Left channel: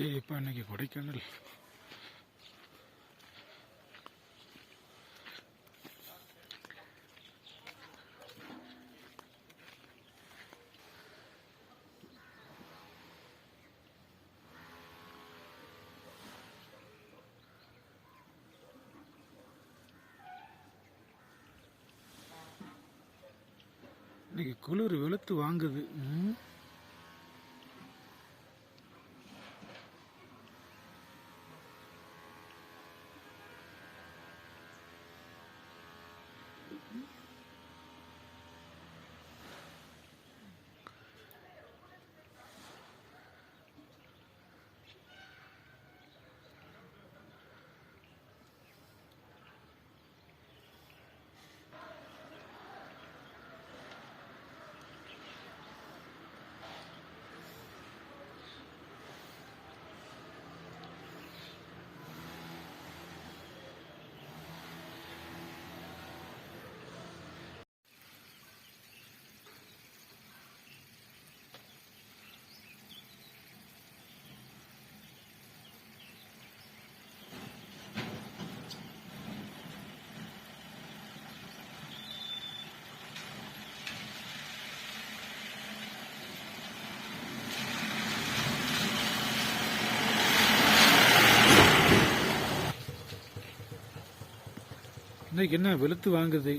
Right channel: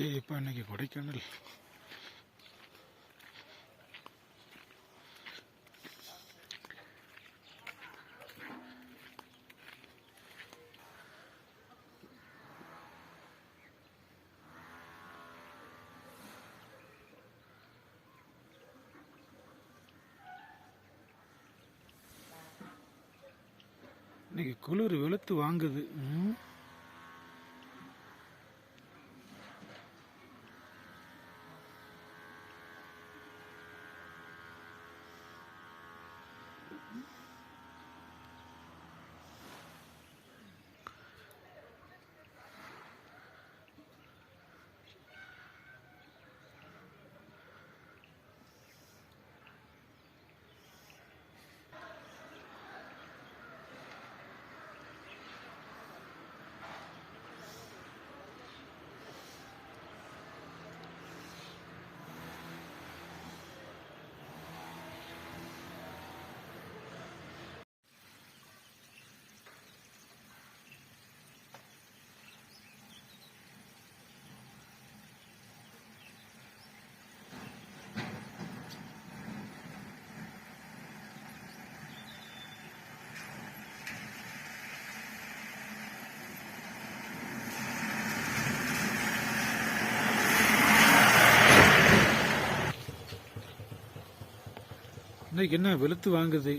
ஏய் இப்போ இன்னைக்கு கொடைக்கானல். இன்னைக்கு குளிர் வெளுத்து வாங்குது. இன்னைக்கு என்ன வெளுத்து வாங்குது?